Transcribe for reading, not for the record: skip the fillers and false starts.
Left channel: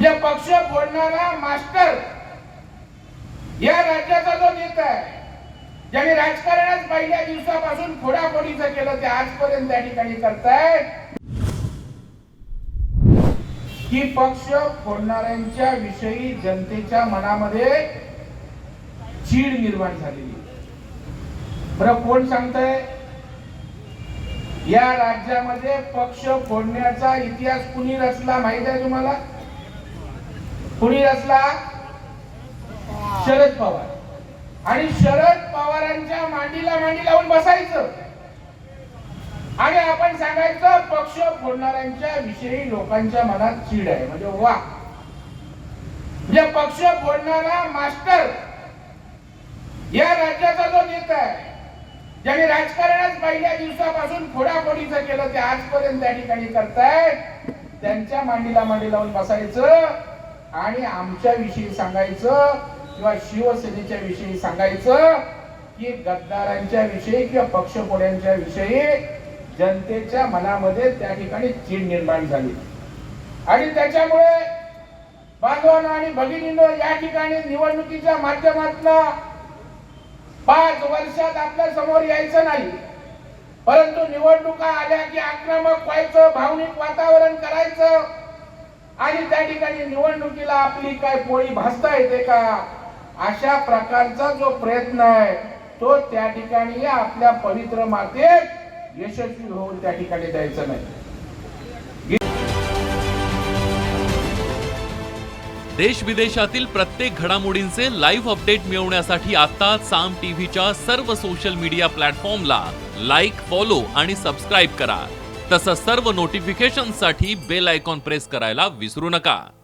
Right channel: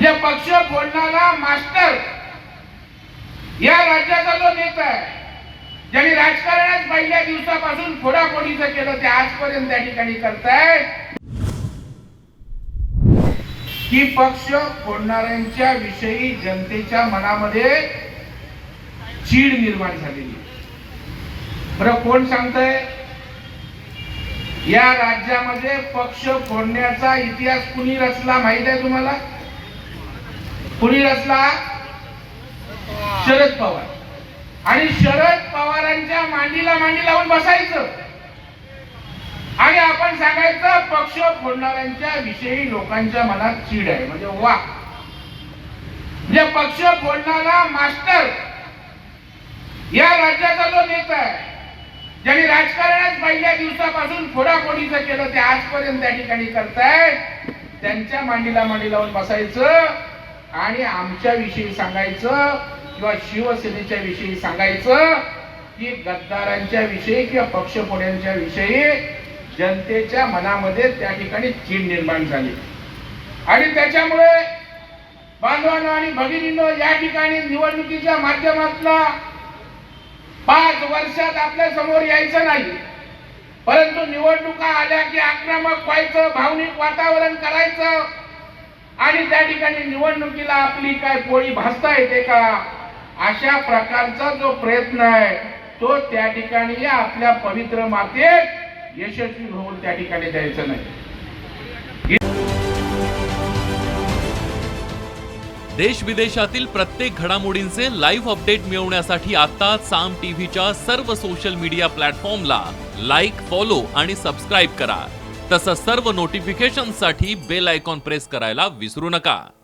जे पक्ष फोडणारा मास्टर या राज्याचा जो नेता आहे, ज्यांनी राजकारणच पहिल्या दिवसापासून फोडाफोडीचं केलं, ते आजपर्यंत त्या ठिकाणी करतायत की पक्ष फोडणाऱ्यांच्या विषयी जनतेच्या मनामध्ये चीड निर्माण झालेली आहे. बरं, कोण सांगतंय? या राज्यामध्ये पक्ष फोडण्याचा इतिहास कुणी रचला माहित आहे तुम्हाला? कुणी रचला? शरद पवार. आणि शरद पवारांच्या मांडीला मांडी लावून बसायचं आणि आपण सांगायचं पक्ष फोडणाऱ्यांच्या विषयी लोकांच्या मनात चीड आहे. म्हणजे वा, म्हणजे पक्ष फोडणारा मास्टर या राज्याचा जो नेता आहे, ज्यांनी राजकारणच पहिल्या दिवसापासून फोडाफोडीचं केलं, ते आजपर्यंत त्या ठिकाणी करतायत, त्यांच्या मांडीला मांडी लावून बसायचं आणि आमच्या विषयी सांगायचं किंवा शिवसेनेच्या विषयी सांगायचं की गद्दारांच्या विषयी किंवा पक्षफोड्यांच्या विषयी जनतेच्या मनामध्ये त्या ठिकाणी चीड निर्माण झाली. आणि त्याच्यामुळे बांधवांनो आणि भगिनींनो, या ठिकाणी निवडणुकीच्या माध्यमातून 5 वर्षात आपल्या समोर यायचं नाही, परंतु निवडणुका आल्या की आक्रमक व्हायचं, भावनिक वातावरण करायचं आणि त्या ठिकाणी निवडणुकीला आपली काय पोळी भाजता येते का, अशा प्रकारचा जो प्रयत्न आहे तो त्या ठिकाणी आपल्या पवित्र मातेत यशस्वी होऊन त्या ठिकाणी द्यायचं नाही. देश विदेशातील प्रत्येक घडामोडींचे लाईव्ह अपडेट मिळवण्यासाठी आता साम टीव्हीच्या सर्व सोशल मीडिया प्लॅटफॉर्मला लाईक, फॉलो आणि सबस्क्राईब करा. तसंच सर्व नोटिफिकेशनसाठी बेल आयकॉन प्रेस करायला विसरू नका.